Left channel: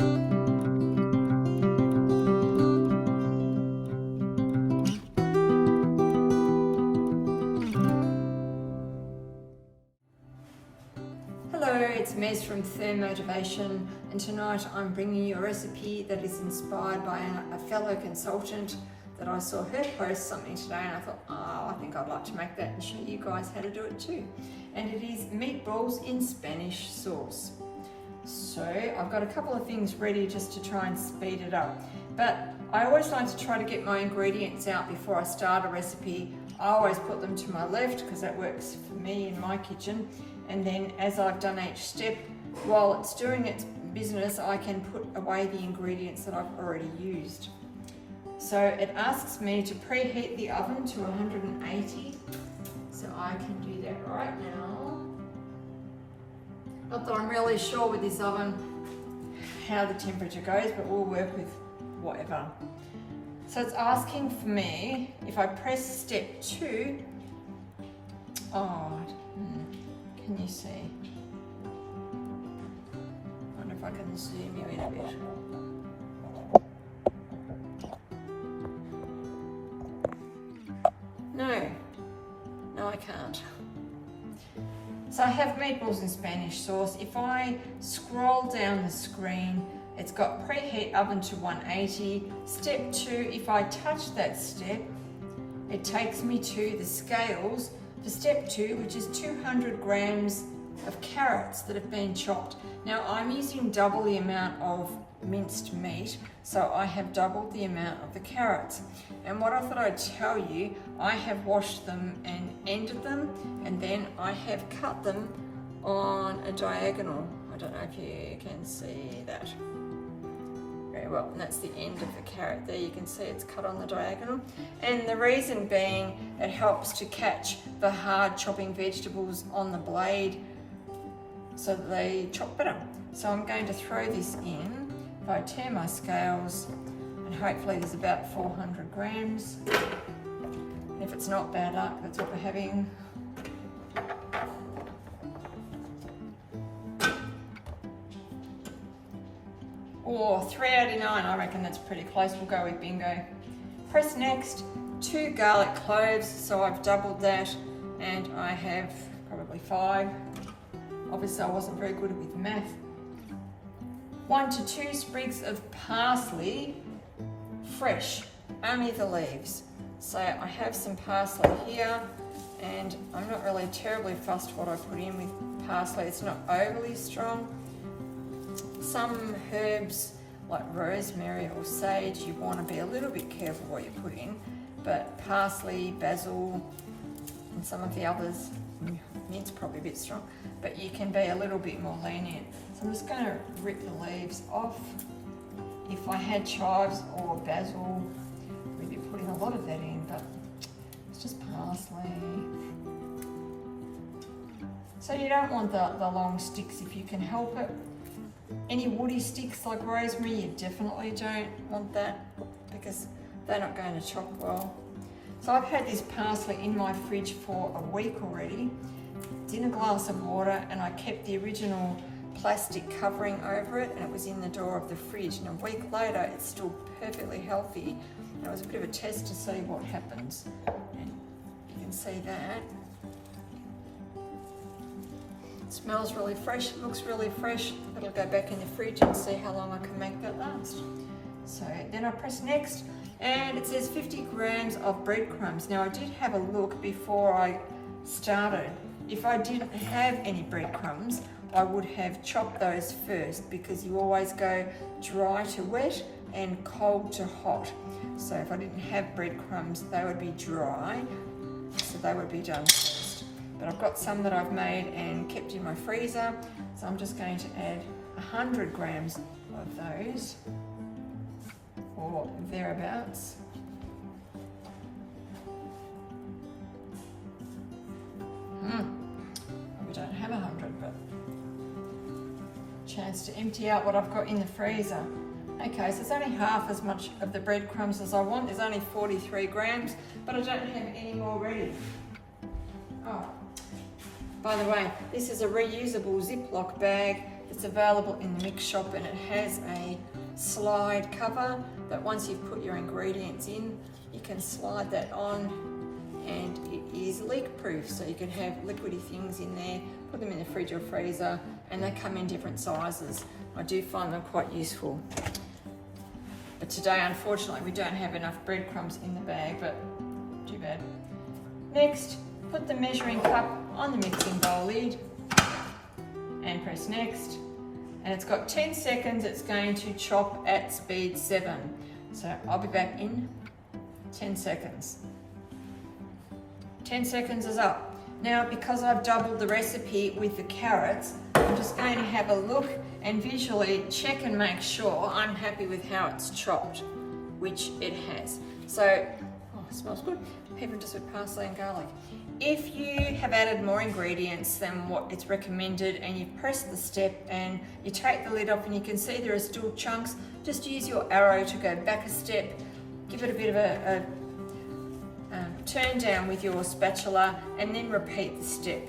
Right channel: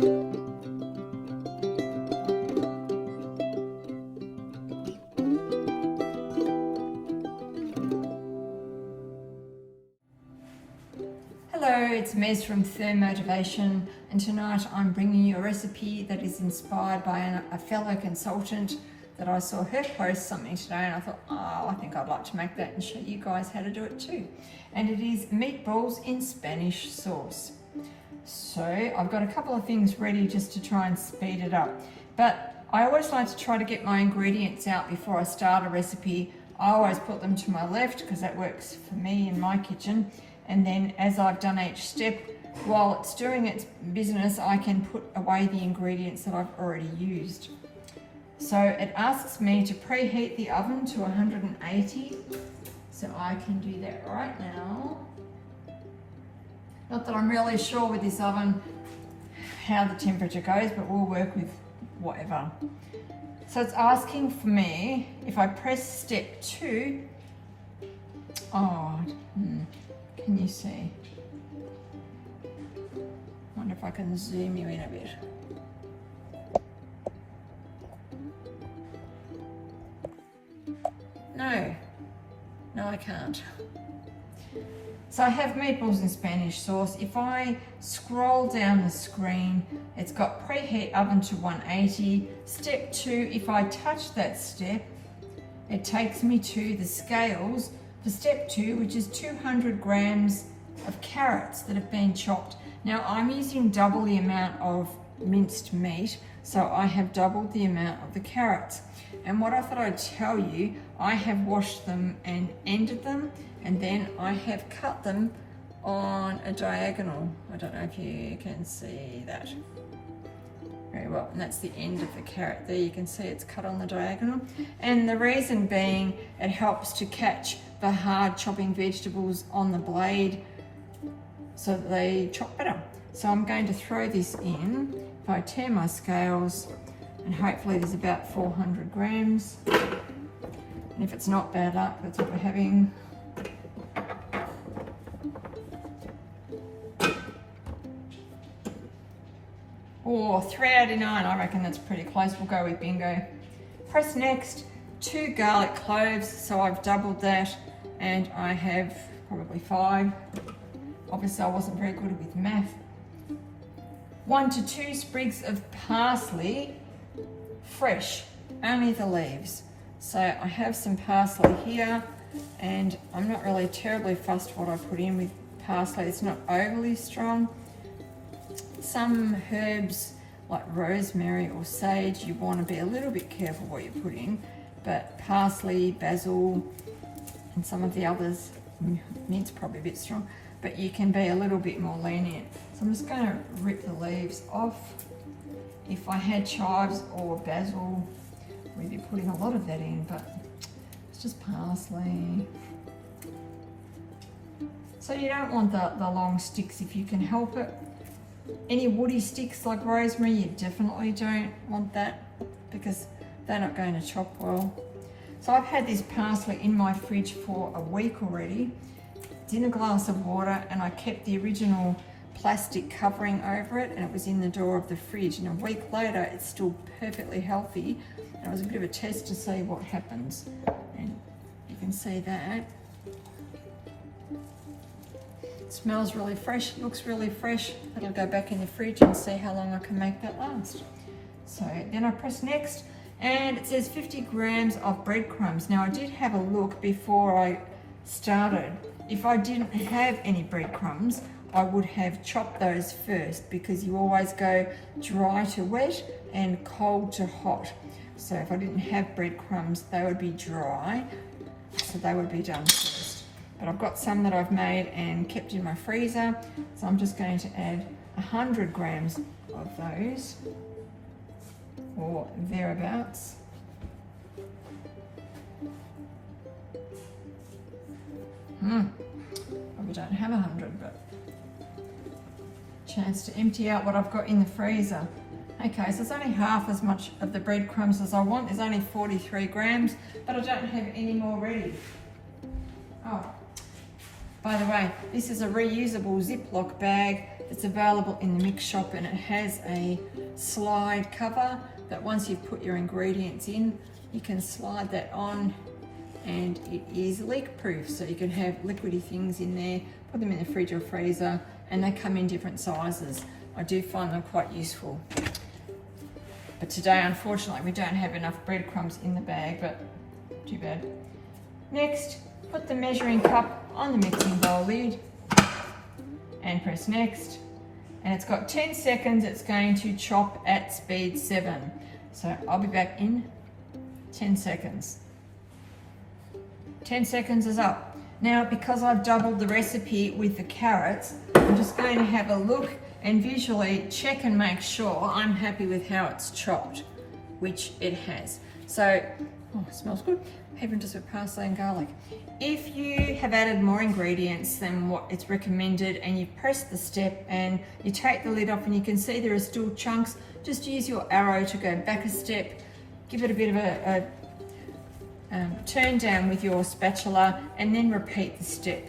Hello, it's Mez from Thermotivation, and tonight I'm bringing you a recipe that is inspired by a fellow consultant that I saw her post something today, and I thought, oh, I think I'd like to make that and show you guys how to do it too. And it is meatballs in Spanish sauce. So I've got a couple of things ready just to try and speed it up. But I always like to try to get my ingredients out before I start a recipe. I always put them to my left because that works for me in my kitchen. And then as I've done each step, while it's doing its business, I can put away the ingredients that I've already used. So it asks me to preheat the oven to 180. So I can do that right now. Not that I'm really sure with this oven how the temperature goes, but we'll work with whatever. So it's asking for me, if I press step 2, can you see? Wonder if I can zoom you in a bit. No, I can't. So I have meatballs in Spanish sauce. If I scroll down the screen, it's got preheat oven to 180. Step 2, if I touch that step, it takes me to the scales for step 2, which is 200 grams of carrots that have been chopped. Now I'm using double the amount of minced meat, so I have doubled the amount of the carrots. And what I thought I'd tell you, I have washed them and ended them, and then I have cut them on a diagonal. I don't know if you can see that very well, and that's the end of the carrot there. You can see it's cut on the diagonal, and the reason being it helps to catch the hard chopping vegetables on the blade so that they chop better. So I'm going to throw this in. If I turn my scales, and hopefully there's about 400 grams. And if it's not, bad luck, that's what we're having. Or 389, I reckon that's pretty close. We'll go with bingo. Press next. 2 garlic cloves, so I've doubled that, and I have probably 5. Obviously I wasn't very good with math. 1 to 2 sprigs of parsley, fresh, only the leaves. So I have some parsley here, and I'm not really terribly fussed what I put in with parsley. It's not overly strong. Some herbs like rosemary or sage, you want to be a little bit careful what you put in, but parsley, basil, and some of the others, mint's probably a bit strong, but you can be a little bit more lenient. So I'm just going to rip the leaves off. If I had chives or basil, we'd be putting a lot of that in, but it's just parsley. So you don't want the long sticks if you can help it. Any woody sticks like rosemary, you definitely don't want that because they're not going to chop well. So I've had this parsley in my fridge for a week already. It's in a glass of water, and I kept the original plastic covering over it, and it was in the door of the fridge, and a week later it's still perfectly healthy. And it was a bit of a test to see what happens, and you can see that. It smells really fresh, it looks really fresh. It'll go back in the fridge and see how long I can make that last. So then I press next, and it says 50 grams of breadcrumbs. Now I did have a look before I started. If I didn't have any breadcrumbs, I would have chopped those first, because you always go dry to wet and cold to hot. So if I didn't have breadcrumbs, they would be dry, so they would be done first. But I've got some that I've made and kept in my freezer, so I'm just going to add 100 grams of those, or thereabouts. Probably don't have 100, but chance to empty out what I've got in the freezer. Okay, so it's only half as much of the breadcrumbs as I want. There's only 43 grams, but I don't have any more ready. Oh, by the way, this is a reusable Ziploc bag It's available in the mix shop, and it has a slide cover that once you've put your ingredients in, you can slide that on, and it is leak proof, so you can have liquidy things in there, put them in the fridge or freezer, and they come in different sizes. I do find them quite useful. But today, unfortunately, we don't have enough breadcrumbs in the bag, but too bad. Next, put the measuring cup on the mixing bowl lid and press next. And it's got 10 seconds. It's going to chop at speed 7. So I'll be back in 10 seconds. 10 seconds is up. Now, because I've doubled the recipe with the carrots, I'm just going to have a look and visually check and make sure I'm happy with how it's chopped, which it has. So, oh, it smells good. Even just with parsley and garlic. If you have added more ingredients than what it's recommended and you've pressed the step and you take the lid off and you can see there are still chunks, just use your arrow to go back a step, give it a bit of a turn down with your spatula, and then repeat the step.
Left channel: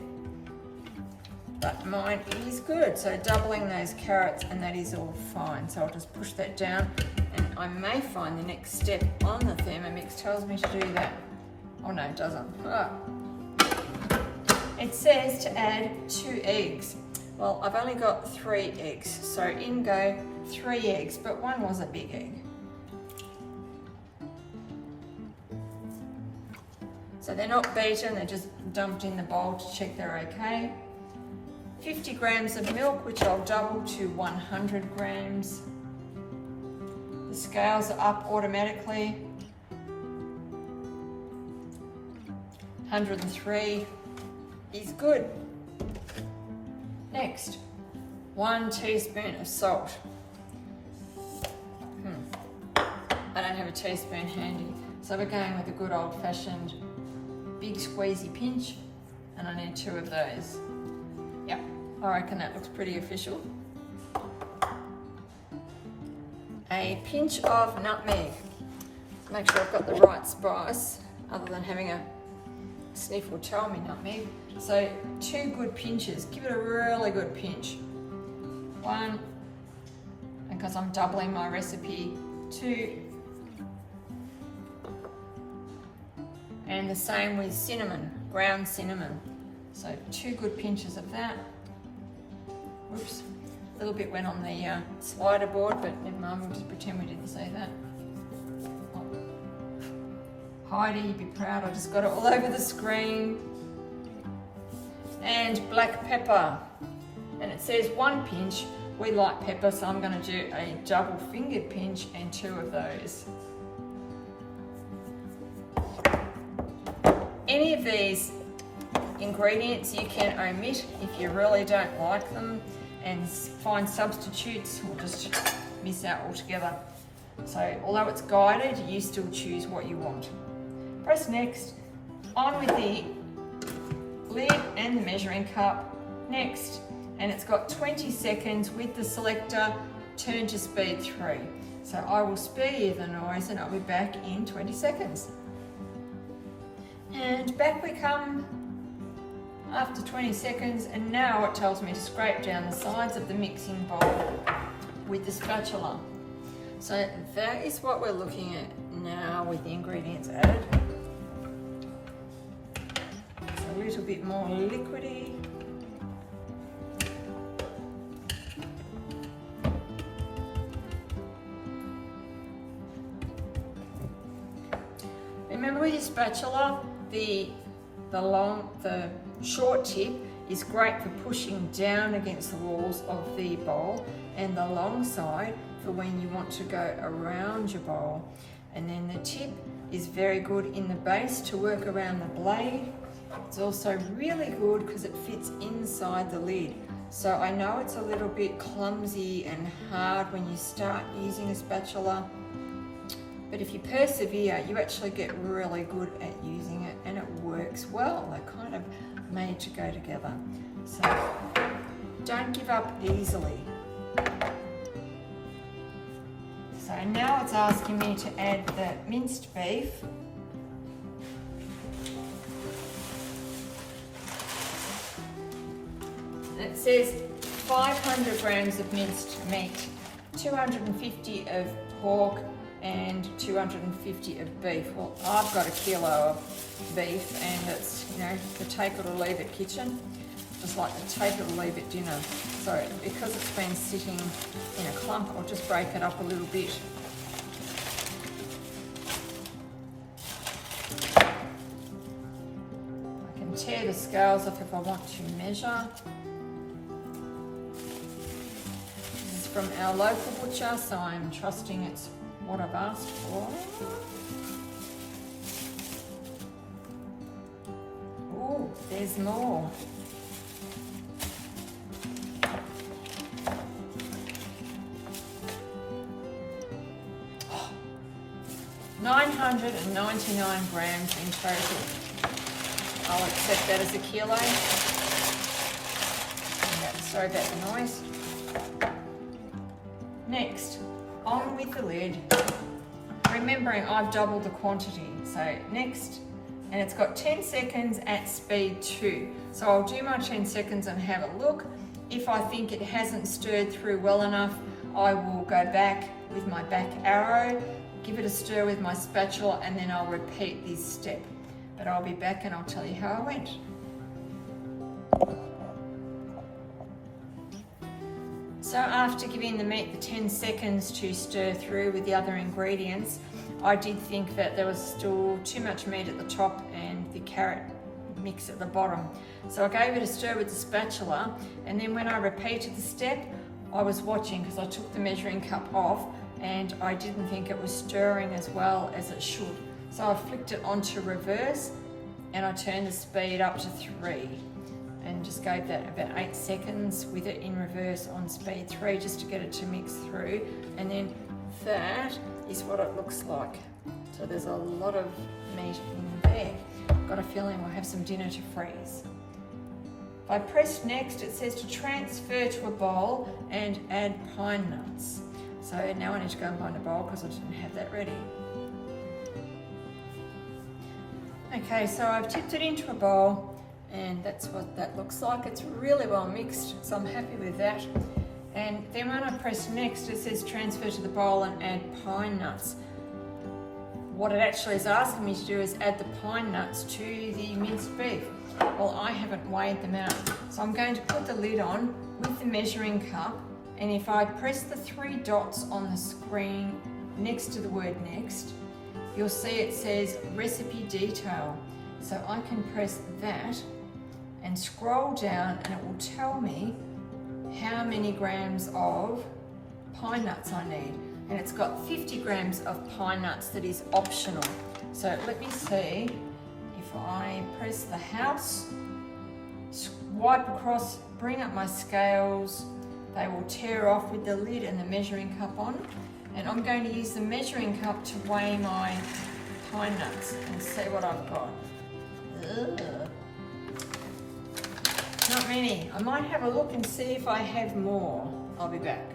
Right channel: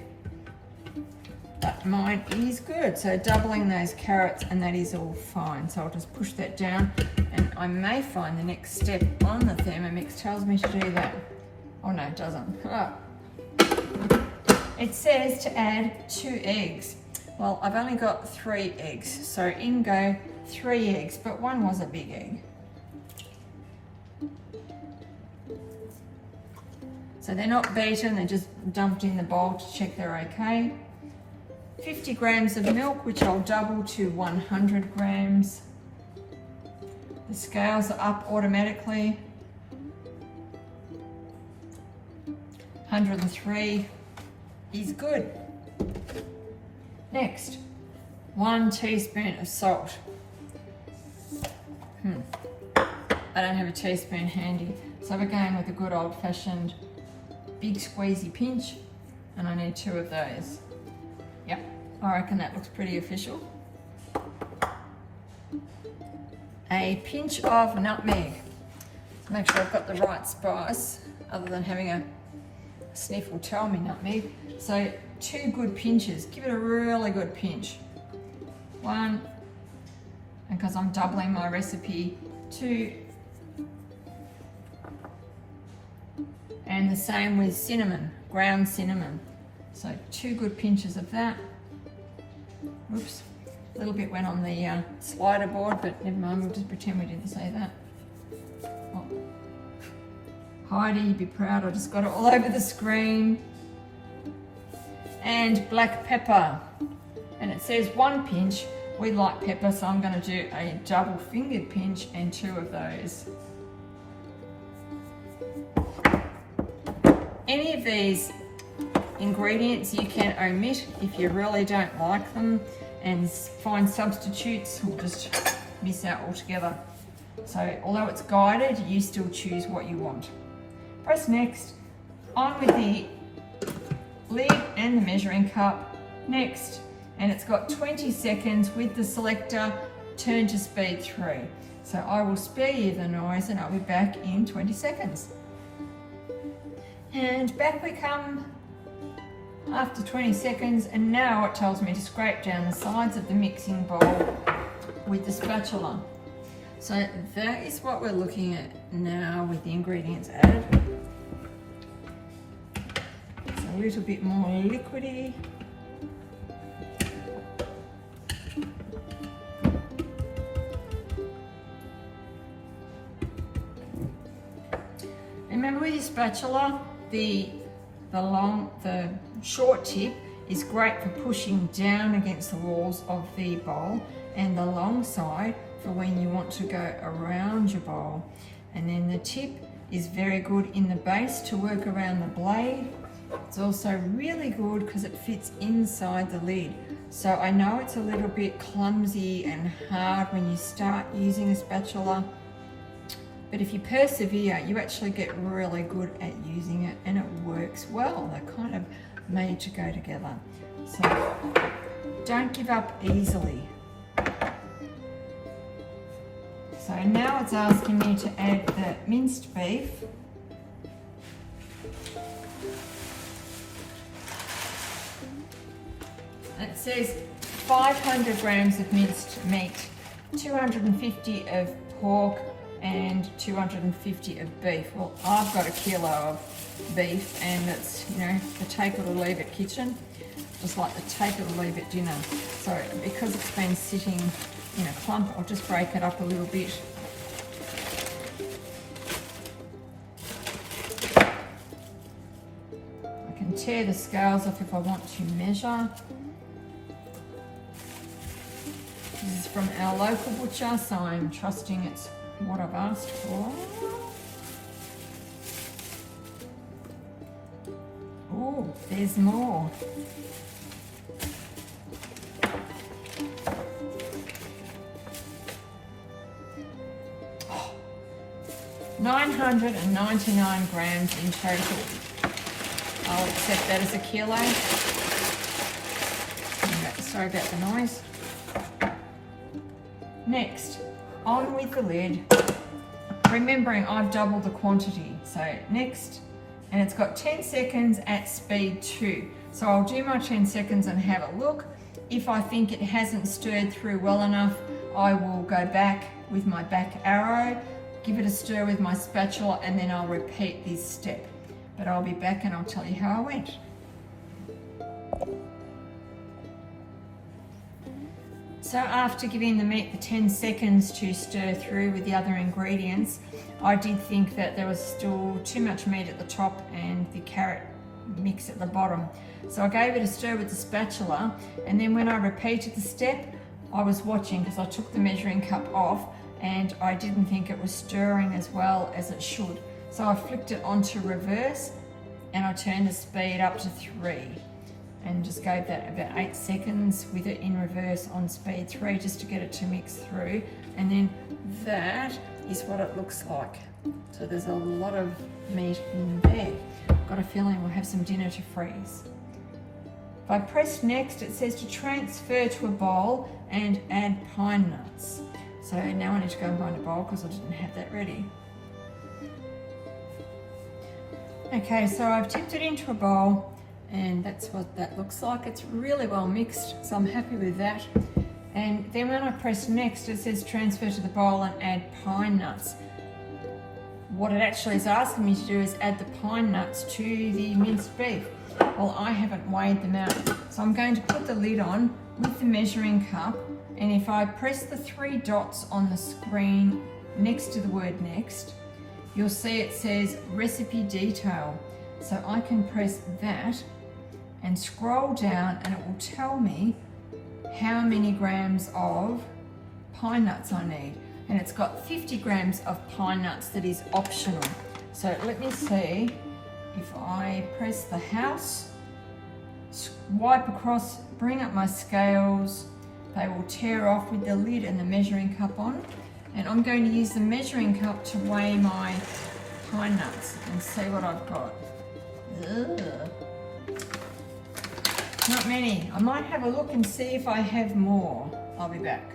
But mine is good, so doubling those carrots, and that is all fine. So I'll just push that down, and I may find the next step on the Thermomix tells me to do that. Oh no, it doesn't. Oh. It says to add 2 eggs. Well, I've only got 3 eggs, so in go 3 eggs, but one was a big egg. So they're not beaten, they're just dumped in the bowl to check they're okay. 50 grams of milk, which I'll double to 100 grams. The scales are up automatically. 103 is good. Next, 1 teaspoon of salt. I don't have a teaspoon handy, so we're going with a good old-fashioned big squeezy pinch, and I need 2 of those. Yep, I reckon that looks pretty official. A pinch of nutmeg. Make sure I've got the right spice, other than having a sniff will tell me nutmeg. So 2 good pinches. Give it a really good pinch. 1, and because I'm doubling my recipe, 2. And the same with cinnamon, ground cinnamon. So 2 good pinches of that. Whoops, a little bit went on the slider board, but never mind, we'll just pretend we didn't say that. Oh. Heidi, you'd be proud, I just got it all over the screen. And black pepper. And it says 1 pinch. We like pepper, so I'm going to do a double fingered pinch and 2 of those. Any of these ingredients you can omit if you really don't like them, and find substitutes or just miss out altogether. So although it's guided, you still choose what you want. Press next, on with the lid and the measuring cup, next, and it's got 20 seconds with the selector, turn to speed 3. So I will spare you the noise and I'll be back in 20 seconds. And back we come after 20 seconds, and now it tells me to scrape down the sides of the mixing bowl with the spatula. So that is what we're looking at now with the ingredients added. It's a little bit more liquidy. Remember with your spatula, the short tip is great for pushing down against the walls of the bowl, and the long side for when you want to go around your bowl. And then the tip is very good in the base to work around the blade. It's also really good because it fits inside the lid. So I know it's a little bit clumsy and hard when you start using a spatula, but if you persevere, you actually get really good at using it, and it works well. They're kind of made to go together. So don't give up easily. So now it's asking me to add the minced beef. And it says 500 grams of minced meat, 250 of pork, and 250 of beef. Well, I've got a kilo of beef, and it's, you know, the take it or leave it kitchen. It's like the take it or leave it dinner. So because it's been sitting in a clump, I'll just break it up a little bit. I can tear the scales off if I want to measure. This is from our local butcher, so I'm trusting it's what I've asked for. Oh, there's more. Oh, 999 grams in total. I'll accept that as a kilo. Sorry about the noise. Next, on with the lid. Remembering I've doubled the quantity. So next, and it's got 10 seconds at speed 2. So I'll do my 10 seconds and have a look. If I think it hasn't stirred through well enough, I will go back with my back arrow, give it a stir with my spatula, and then I'll repeat this step. But I'll be back and I'll tell you how I went. So after giving the meat the 10 seconds to stir through with the other ingredients, I did think that there was still too much meat at the top and the carrot mix at the bottom. So I gave it a stir with the spatula, and then when I repeated the step, I was watching because I took the measuring cup off and I didn't think it was stirring as well as it should. So I flicked it onto reverse and I turned the speed up to 3. And just gave that about 8 seconds with it in reverse on speed 3 just to get it to mix through. And then that is what it looks like. So there's a lot of meat in there. Got a feeling we'll have some dinner to freeze. If I press next, it says to transfer to a bowl and add pine nuts. So now I need to go and find a bowl because I didn't have that ready. Okay, so I've tipped it into a bowl. And that's what that looks like. It's really well mixed, so I'm happy with that. And then when I press next, it says transfer to the bowl and add pine nuts. What it actually is asking me to do is add the pine nuts to the minced beef. Well, I haven't weighed them out. So I'm going to put the lid on with the measuring cup, and if I press the 3 dots on the screen next to the word next, you'll see it says recipe detail. So I can press that and scroll down, and it will tell me how many grams of pine nuts I need. And it's got 50 grams of pine nuts that is optional. So let me see if I press the house, wipe across, bring up my scales, they will tear off with the lid and the measuring cup on. And I'm going to use the measuring cup to weigh my pine nuts and see what I've got. Ugh. Not many. I might have a look and see if I have more. I'll be back.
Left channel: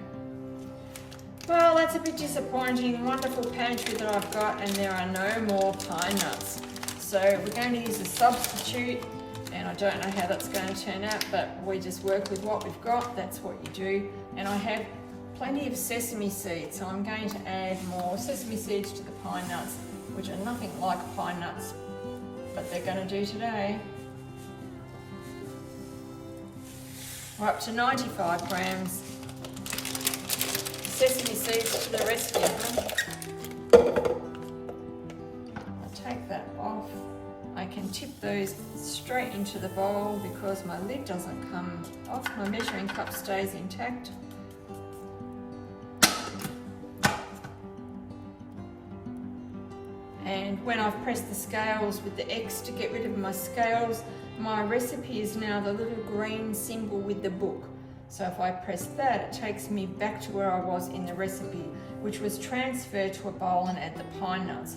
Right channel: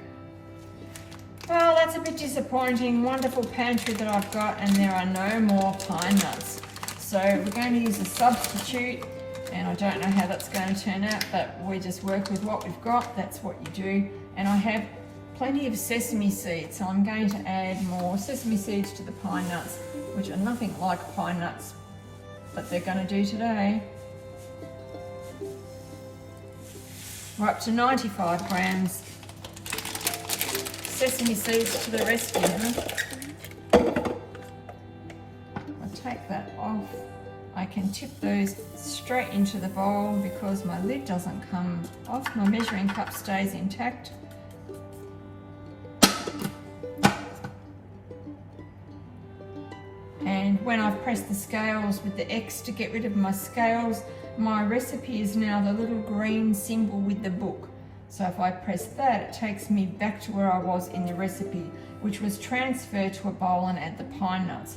Well, that's a bit disappointing. Wonderful pantry that I've got, and there are no more pine nuts. So we're going to use a substitute, and I don't know how that's going to turn out, but we just work with what we've got. That's what you do. And I have plenty of sesame seeds, so I'm going to add more sesame seeds to the pine nuts, which are nothing like pine nuts, but they're going to do today. We're up to 95 grams. Sesame seeds to the rescue, huh? I'll take that off. I can tip those straight into the bowl because my lid doesn't come off. My measuring cup stays intact. And when I've pressed the scales with the X to get rid of my scales, my recipe is now the little green symbol with the book. So if I press that, it takes me back to where I was in the recipe, which was transfer to a bowl and add the pine nuts.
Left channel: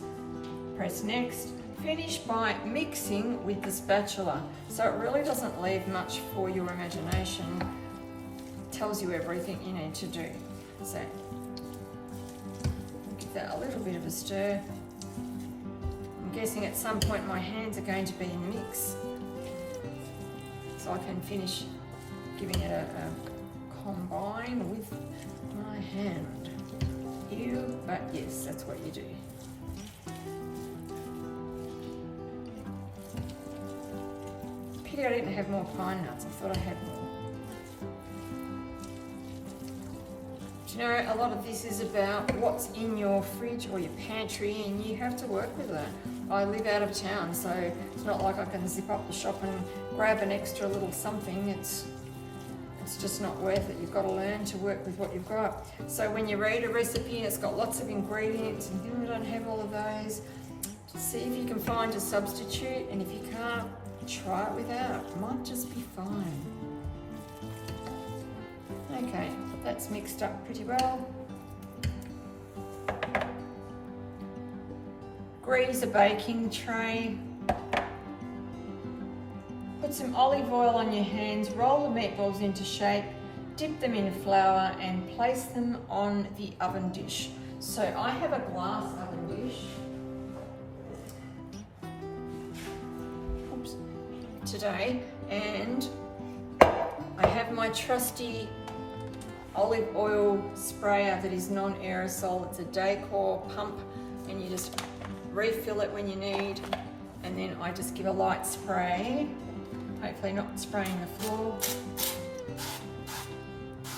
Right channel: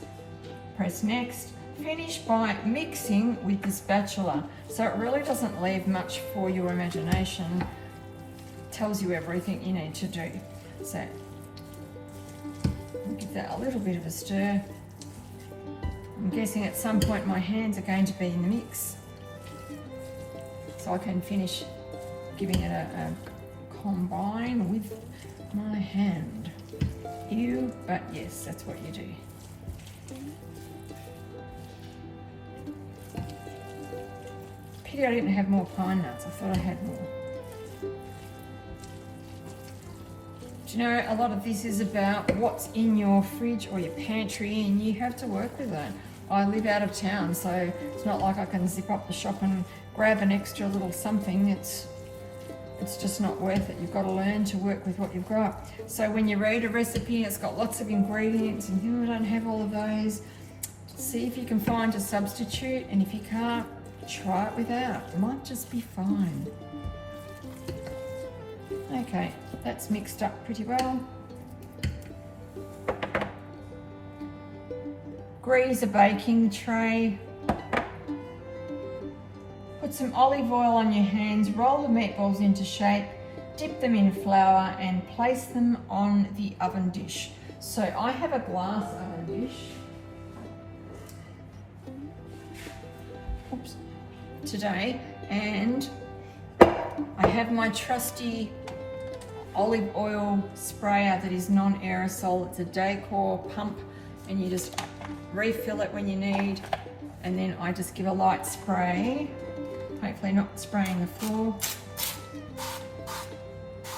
Press next. Finish by mixing with the spatula. So it really doesn't leave much for your imagination. It tells you everything you need to do. So I'll give that a little bit of a stir. I'm guessing at some point my hands are going to be in the mix, so I can finish giving it a combine with my hand. Ew, but yes, that's what you do. Pity I didn't have more pine nuts. I thought I had more. Do you know, a lot of this is about what's in your fridge or your pantry, and you have to work with it. I live out of town, so it's not like I can zip up the shop and grab an extra little something. It's just not worth it. You've got to learn to work with what you've got. So when you read a recipe, it's got lots of ingredients and you don't have all of those. See if you can find a substitute, and if you can't, try it without. It might just be fine. Okay, that's mixed up pretty well. Grease a baking tray. Put some olive oil on your hands, roll the meatballs into shape, dip them in flour and place them on the oven dish. So I have a glass oven dish. Oops. Today, and I have my trusty olive oil sprayer that is non-aerosol. It's a decor pump, and you just refill it when you need, and then I just give a light spray, hopefully not spraying the floor.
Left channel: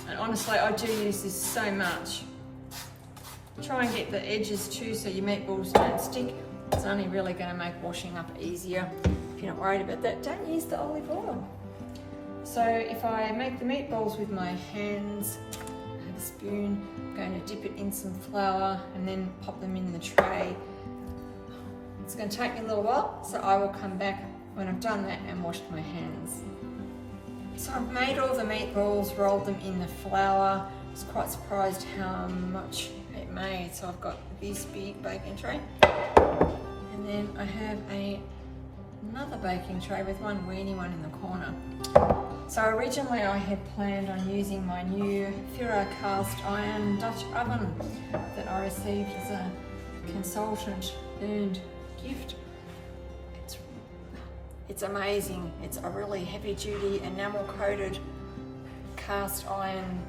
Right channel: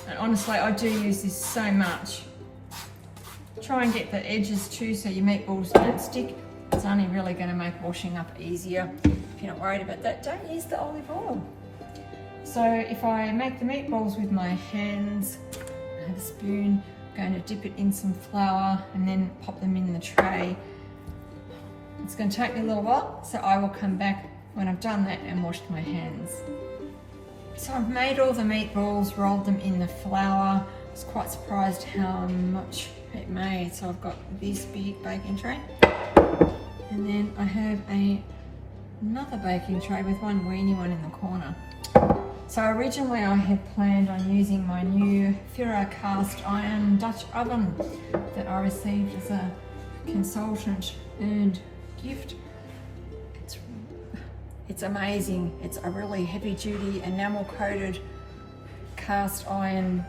And honestly, I do use this so much. Try and get the edges too so your meatballs don't stick. It's only really going to make washing up easier. If you're not worried about that, don't use the olive oil. So if I make the meatballs with my hands, I have a spoon, I'm going to dip it in some flour and then pop them in the tray. It's going to take me a little while, so I will come back when I've done that and washed my hands. So I've made all the meatballs, rolled them in the flour. I was quite surprised how much it made. So I've got this big baking tray, and then I have another baking tray with one weeny one in the corner. So originally I had planned on using my new Ferro cast iron Dutch oven that I received as a consultant earned gift. It's amazing. It's a really heavy duty enamel coated cast iron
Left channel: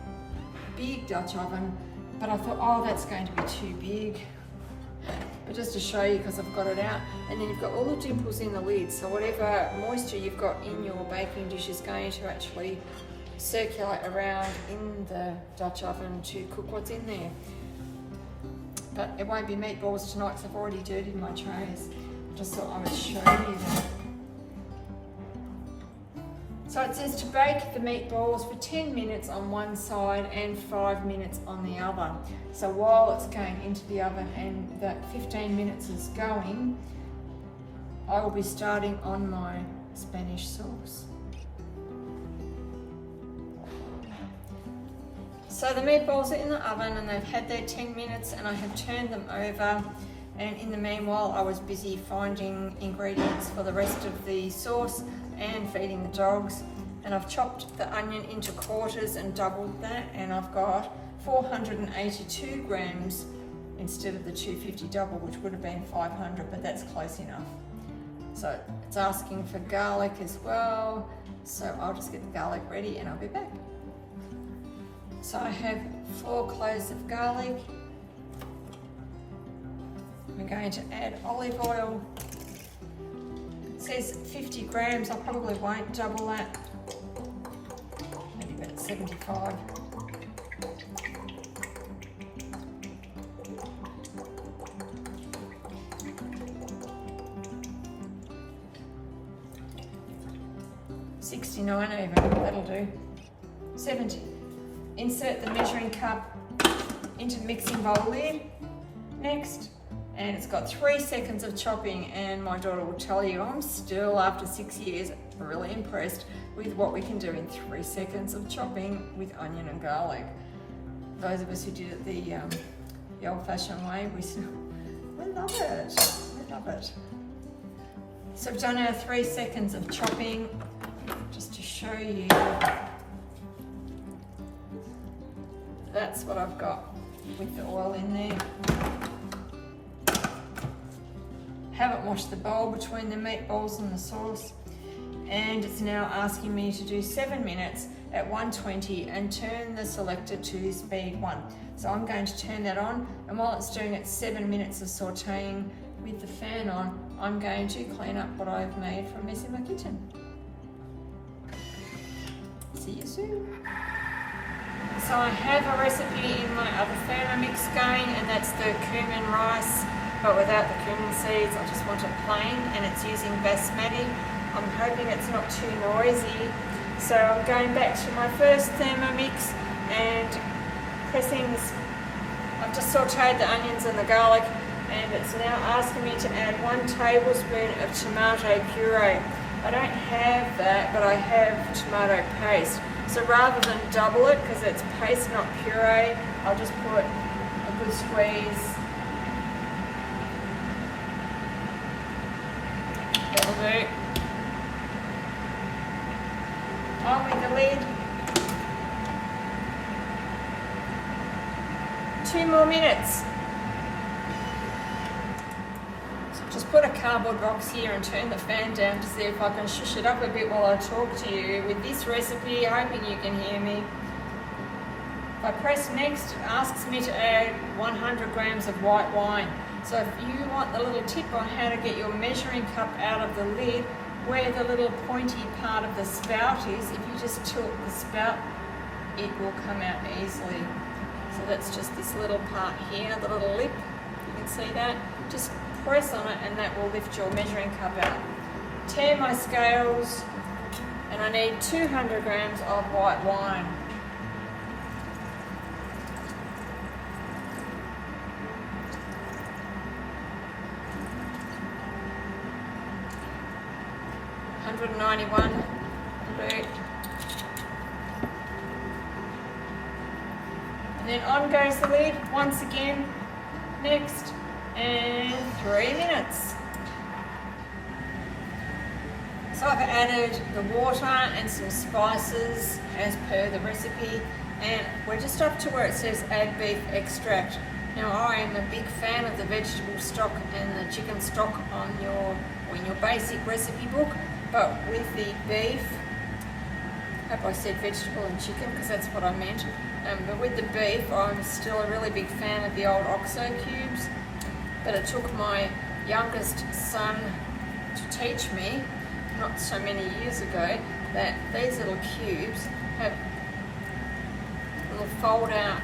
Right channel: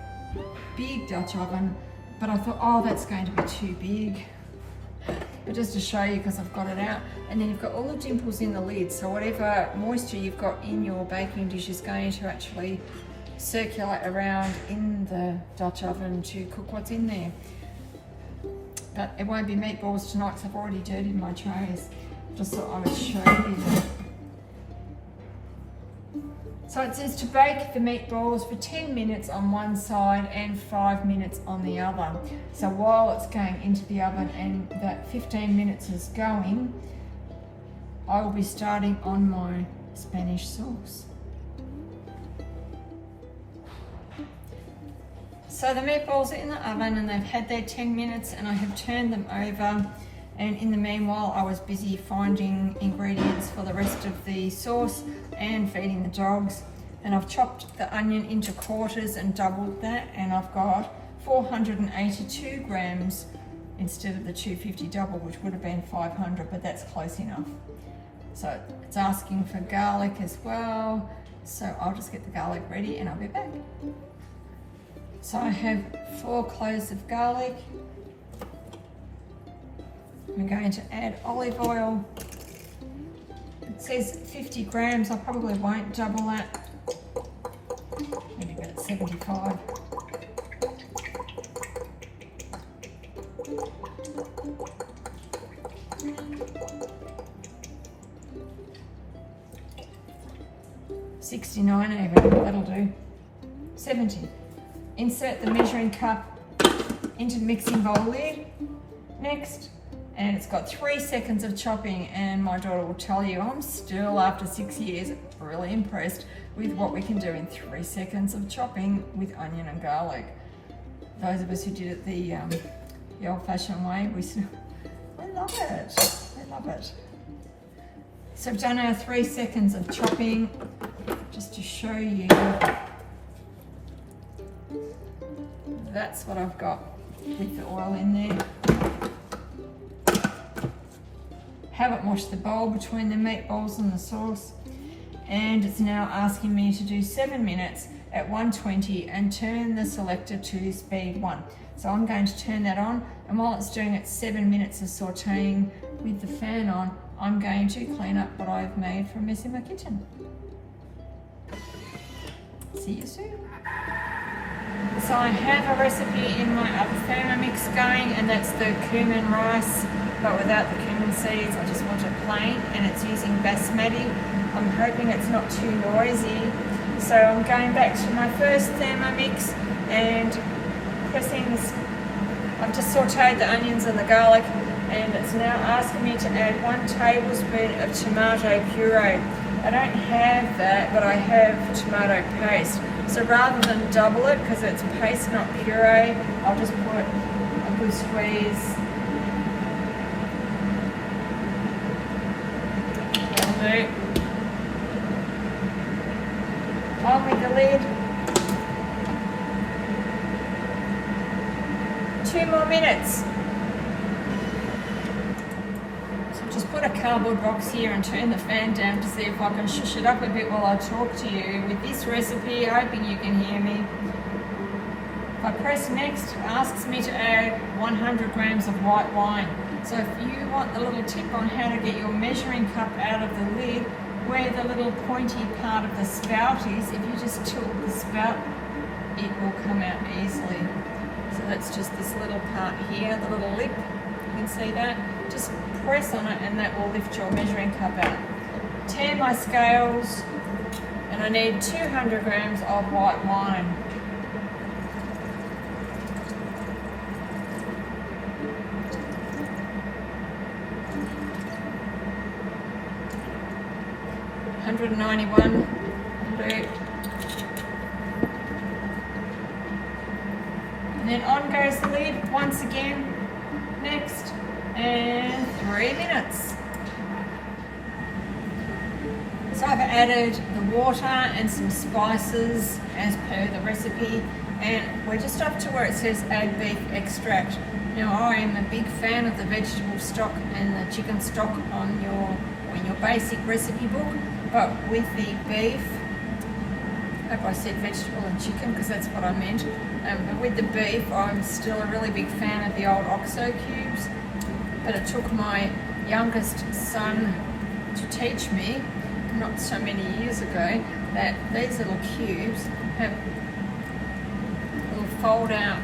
big Dutch oven, but I thought, oh, that's going to be too big. But just to show you, because I've got it out, and then you've got all the dimples in the lid, so whatever moisture you've got in your baking dish is going to actually circulate around in the Dutch oven to cook what's in there. But it won't be meatballs tonight because I've already dirtied my trays. Just thought I would show you that. So it says to bake the meatballs for 10 minutes on one side and 5 minutes on the other. So while it's going into the oven and that 15 minutes is going, I will be starting on my Spanish sauce. So the meatballs are in the oven and they've had their 10 minutes, and I have turned them over. And in the meanwhile, I was busy finding ingredients for the rest of the sauce and feeding the dogs. And I've chopped the onion into quarters and doubled that, and I've got 482 grams instead of the 250 double, which would have been 500, but that's close enough. So it's asking for garlic as well, so I'll just get the garlic ready and I'll be back. So I have 4 cloves of garlic. I'm going to add olive oil. It says 50 grams, I probably won't double that. Maybe about 75. $69 even, that'll do. 70. Insert the measuring cup into the mixing bowl lid. Next. And it's got 3 seconds of chopping, and my daughter will tell you I'm still, after 6 years, really impressed with what we can do in 3 seconds of chopping with onion and garlic. Those of us who did it the old-fashioned way, I love it. I love it. So I've done our 3 seconds of chopping just to show you. That's what I've got with the oil in there. Haven't washed the bowl between the meatballs and the sauce, and it's now asking me to do 7 minutes, at 120 and turn the selector to speed 1. So I'm going to turn that on, and while it's doing its 7 minutes of sauteing with the fan on, I'm going to clean up what I've made from mess in my kitchen. See you soon. So I have a recipe in my other Thermomix going, and that's the cumin rice, but without the cumin seeds. I just want it plain, and it's using basmati. I'm hoping it's not too noisy. So I'm going back to my first Thermomix and pressing this. I've just sauteed the onions and the garlic, and it's now asking me to add 1 tablespoon of tomato puree. I don't have that, but I have tomato paste. So rather than double it, because it's paste not puree, I'll just put a good squeeze. That'll do. On with the lid. 2 more minutes. So just put a cardboard box here and turn the fan down to see if I can shush it up a bit while I talk to you with this recipe, hoping you can hear me. If I press next, it asks me to add 100 grams of white wine. So if you want the little tip on how to get your measuring cup out of the lid, where the little pointy part of the spout is, if you just tilt the spout, it will come out easily. So that's just this little part here, the little lip, you can see that. Just press on it and that will lift your measuring cup out. Tan my scales, and I need 200 grams of white wine. $191. And then on goes the lid once again. Next, and 3 minutes. So I've added the water and some spices as per the recipe, and we're just up to where it says add beef extract. Now I am a big fan of the vegetable stock and the chicken stock in your basic recipe book, but with the beef, I hope I said vegetable and chicken because that's what I meant, but with the beef I'm still a really big fan of the old OXO cubes. But it took my youngest son to teach me, not so many years ago, that these little cubes have little fold out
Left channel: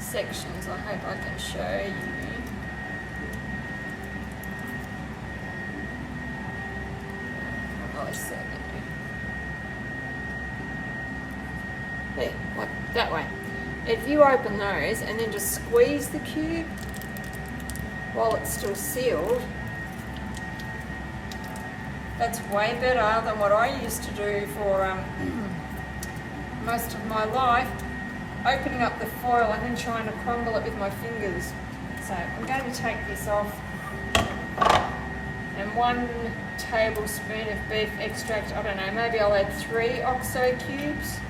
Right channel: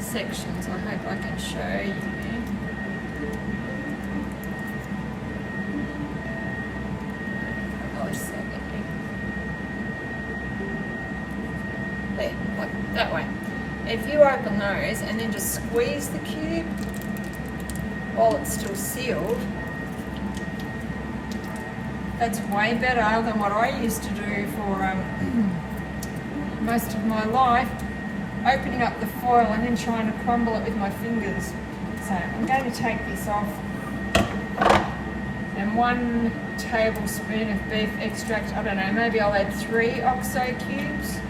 sections. I hope I can show you. There, like that way. If you open those and then just squeeze the cube while it's still sealed, that's way better than what I used to do for most of my life, opening up the foil and then trying to crumble it with my fingers. So I'm going to take this off, and 1 tablespoon of beef extract. I don't know, maybe I'll add 3 OXO cubes.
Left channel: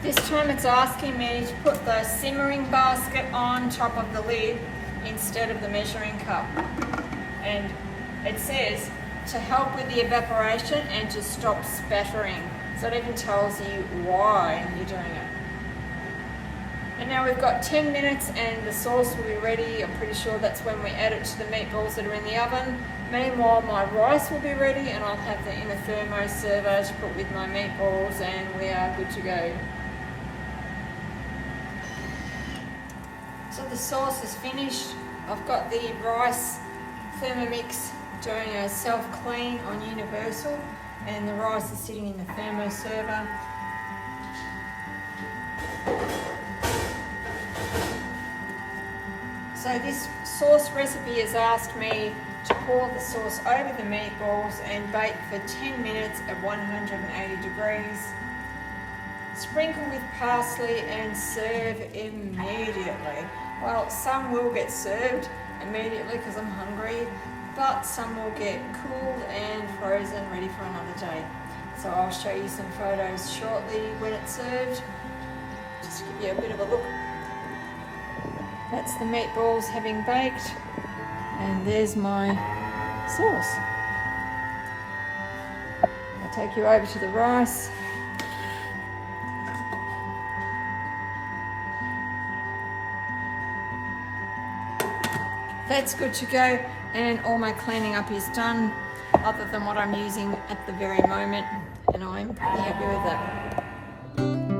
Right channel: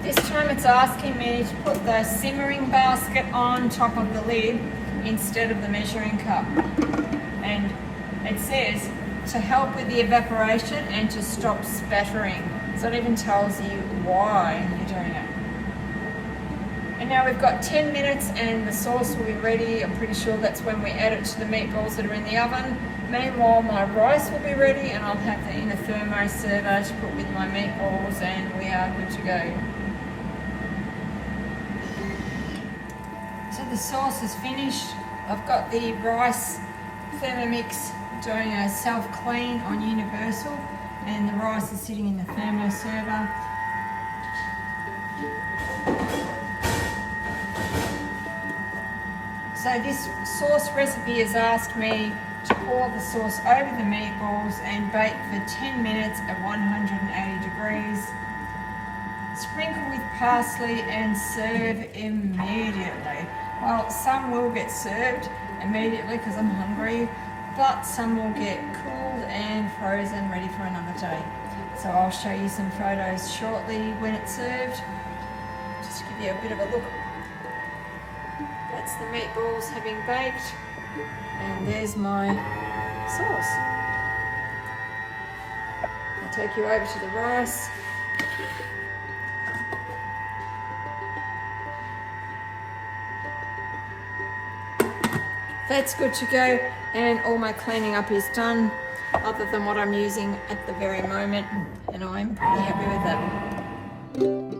This time it's asking me to put the simmering basket on top of the lid instead of the measuring cup. And it says to help with the evaporation and to stop spattering. So it even tells you why you're doing it. And now we've got 10 minutes and the sauce will be ready. I'm pretty sure that's when we add it to the meatballs that are in the oven. Meanwhile, my rice will be ready and I'll have it in a thermo server to put with my meatballs, and we are good to go. So the sauce is finished. I've got the rice Thermomix doing a self-clean on universal, and the rice is sitting in the thermo server. So this sauce recipe has asked me to pour the sauce over the meatballs and bake for 10 minutes at 180 degrees. Sprinkle with parsley and serve immediately. Well, some will get served immediately because I'm hungry, but some will get cooled and frozen, ready for another day. So I'll show you some photos shortly when it's served. Just give you a bit of a look. That's the meatballs having baked, and there's my sauce. I'll take you over to the rice. That's good to go, and all my cleaning up is done, other than what I'm using at the very moment, and I'm pretty happy with that.